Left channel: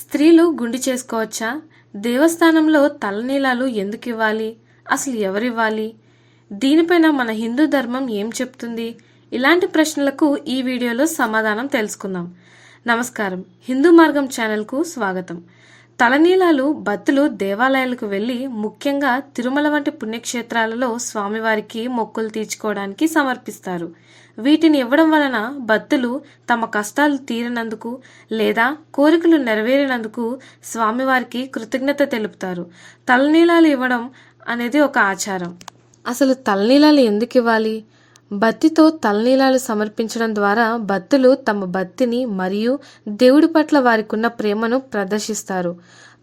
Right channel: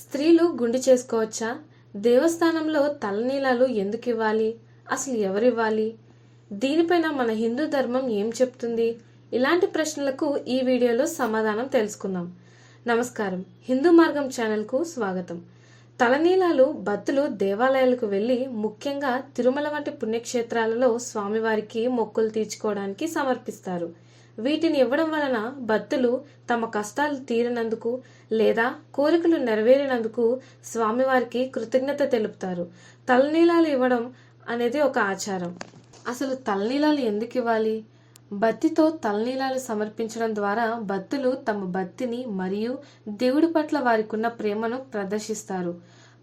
స్త్రీలు గుండి చేసుకోవచ్చా? దేవస్థానంలో తలనీలాలు ఎందుకు ఇవ్వాలి అసలు ఎవరివ్వాలి? దీనిపైన మన హిందూ ధర్మం ఏం చెప్తుంది? ఇలాంటి ప్రశ్నలకు ఈ వీడియోలో సమాధానం తెలుసుకుందాం. నమస్కారం. హిందూ మార్గం ఛానల్కు స్వాగతం. తలనీలాలు భక్తులు దేవాలయాలకు వెళ్ళి ముఖ్యంగా తిరుమల వంటి పుణ్యక్షేత్రాలలో స్వామివారికి మొక్కులు తీర్చుకోవడానికి సమర్పిస్తారు. వీటిని ఇవ్వడం వలన భక్తులు తమ కష్టాలు తీరినందుకు లేదా కోరికలు నెరవేరినందుకు స్వామివారికి కృతజ్ఞత తెలుపుతారు. తలనీలాలు ఇవ్వడం అనేది ఒక ఆచారం. అసలు తలనీలాలు ఎందుకు ఇవ్వాలి? భక్తితో తలనీలాలు సమర్పించడం ద్వారా భక్తులు తమ భక్తిని మరియు దేవుడి పట్ల వారికున్న ప్రేమను ప్రదర్శిస్తారు.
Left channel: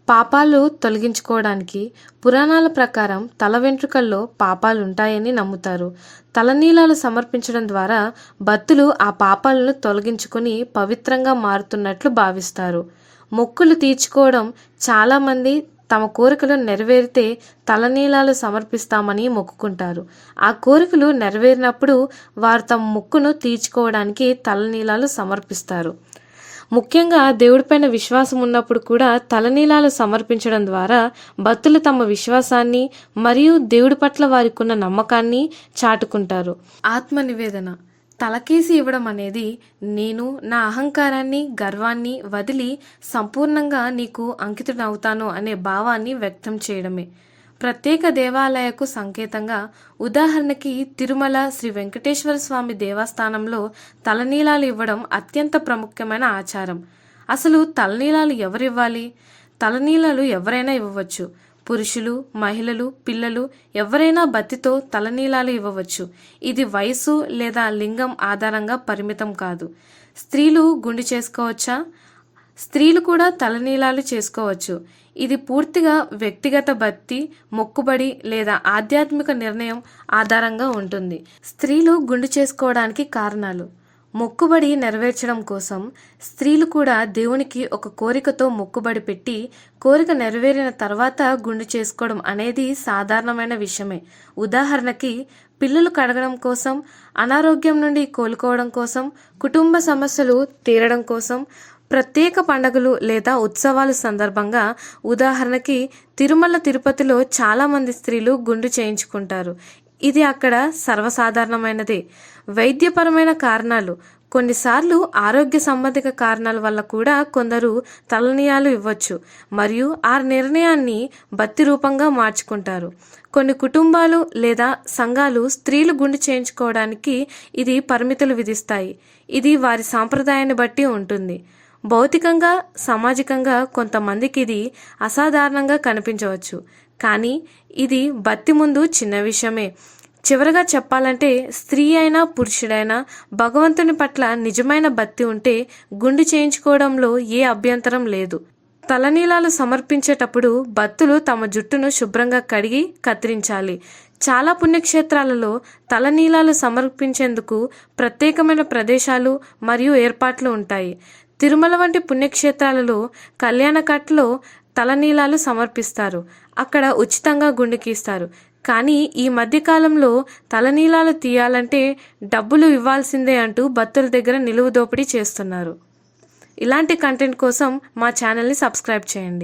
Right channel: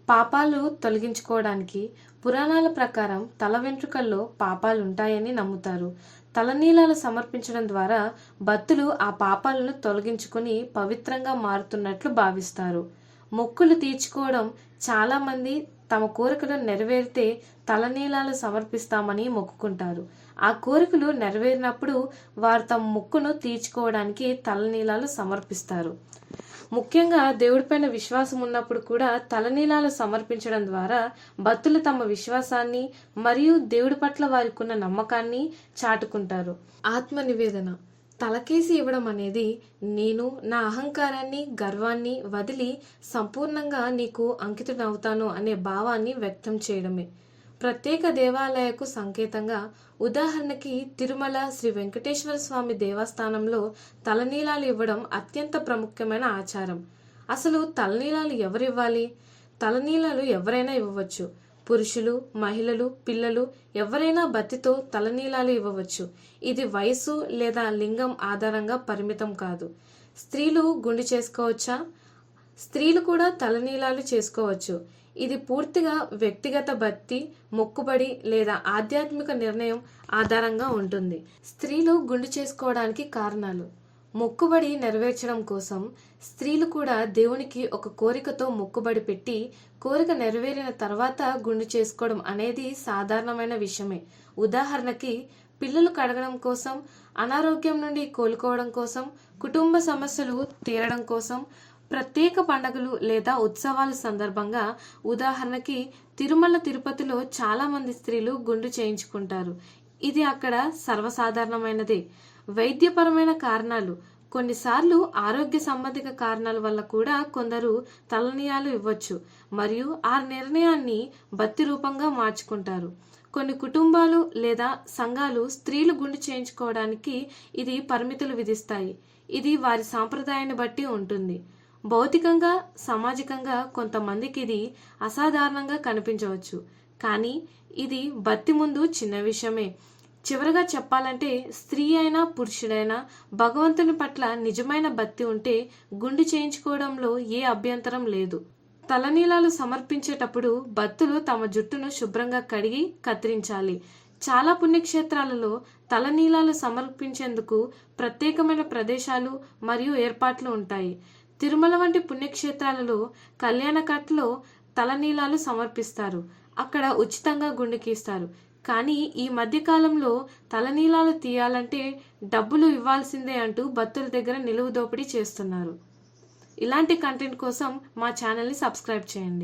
పాపాలు తొలగించుకోవడానికి పురాణాల ప్రకారం తల వెంట్రుకల్లో పాపాలు ఉంటాయని నమ్ముతారు. తలనీలాలు సమర్పించడం ద్వారా భక్తులు ఆ పాపాలను తొలగించుకొని పవిత్రంగా మారుతున్నట్లు భావిస్తారు. మొక్కులు తీర్చుకోవడం చాలామంది తమ కోరికలు నెరవేరితే తలనీలాలు సమర్పిస్తామని మొక్కుకుంటారు. ఆ కోరికలు నెరవేరినప్పుడు వారు తమ మొక్కును తీర్చుకోవడానికి తలనీలాలు సమర్పిస్తారు. ముఖ్యంగా దేవుడిపైన విశ్వాసం ఉన్నప్పుడు కూడా తలనీలాలు సమర్పించడం ద్వారా భక్తులు తమ విశ్వాసాన్ని మరియు దేవుడి పట్ల వారికున్న నమ్మకాన్ని చాటుకుంటారు. ఆత్మ నివేదన తలకేసి ఇవ్వడం అనేది నేను నా అహంకారాన్ని గర్వాన్ని వదిలి సంపూర్ణంగా నీకు అంకితుడవుతాను అనే భావాన్ని వ్యక్తం చేయడమే. ప్రత్యేక దేవాలయకు సంకేతంగా ఉదాహరణకి తిరుమల శ్రీ వెంకటేశ్వర స్వామి దేవస్థానంలో తలనీలాలు ఇవ్వడం అత్యంత ప్రాముఖ్యమైన ఆచారం. అసలు తలనీలాలు ఎవరివ్వాలి? తలనీలాలు ఎవరైనా ఇవ్వవచ్చు. పురుషులు మహిళలు పిల్లలు ఎవరైనా బత్తితో తలనీలాలు ఇవ్వవచ్చు. ఇది వయసు లేదా లింగం ఆధారంగా పరిమితం కాదు. స్త్రీలు గుండి చేసుకోవచ్చా? స్త్రీలు కూడా తలనీలాలు చేసుకోవచ్చు. ఇది పూర్తిగా వ్యక్తిగత భక్తి మొక్కుబడి లేదా ఆధ్యాత్మిక నిర్ణయం ఆధారంగా ఉంటుంది. స్త్రీలు గుండు చేసుకోవడానికి కారణాలు. మొక్కుబడి నెరవేర్చడం కోసం స్త్రీలు కూడా దేవునికి ఒక కోరికతో మొక్కుబడి పెట్టి కోరిక నెరవేరిన తర్వాత గుండు చేసుకోవడం అనేది సాధారణమైన విషయమే. ఉదాహరణకి పిల్లలు కడగడం కోసం అనారోగ్యం నుండి కోలుకోవడం కోసం కుటుంబ సమస్యలు తీరడం కోసం ప్రత్యేక పండుగలు లేదా ఉత్సవాల సందర్భంగా ఉదాహరణకి తిరుమల తిరుపతిలో చాలామంది స్త్రీలు గుండు చేయించుకుంటారు. ఇది అక్కడ సర్వసాధారణమైనదే. వైద్యపరమైన కారణాలు. కొన్నిసార్లు ఆరోగ్య సంబంధిక కారణాల వల్ల కూడా కొందరు తలనీయాలు ఇవ్వచ్చు మరియు ఆ నిర్ణయాన్ని బత్తి రూపంగా మార్చుకుంటారు. కొన్ని కుటుంబాలు లేదా సంఘాలు స్త్రీలు గుండు చేయించుకోవడానికి ఇది పరిమితులు విధిస్తాయి. ఇది వారి సాంప్రదాయాన్ని బట్టి ఉంటుంది. భౌతికంగా సామాజికంగా కొంతమందికి ఇది అసాధారణంగా కనిపించవచ్చు. కానీ ఇది బత్తి ముందు చిన్న విషయమే. చివరగా చెప్పాలంటే స్త్రీ అయినా పురుషుడైనా భగవంతుని పట్ల నిజమైన భక్తి ఉంటే గుండు చేయించుకోవడంలో ఏ అభ్యంతరం లేదు. తలనీలాలు సమర్పించేటప్పుడు భక్తులు తమ జుట్టును శుభ్రంగా కడిగి కత్తిరించాలి. చాలా పుణ్యక్షేత్రాలలో తలనీలాలు సమర్పించేందుకు ప్రత్యేకమైన ప్రదేశాలు మరియు ఏర్పాట్లు ఉంటాయి. తిరుమల వంటి పుణ్యక్షేత్రాలలో కళ్యాణకట్లో తలనీలాలు సమర్పిస్తారు. అక్కడ ఉచితంగా గుండెకిస్తారు గీస్తారు. కానీ ఈ మధ్యకాలంలో తలనీలాలు తీయాలంటే డబ్బులు ఇవ్వాల్సిందే అంటూ భక్తుల దగ్గర నిలువు దోపిడీ చేస్తున్నారు. ఇలాంటి కంటెంట్ కోసం మా ఛానల్ని సబ్స్క్రైబ్ చేయండి.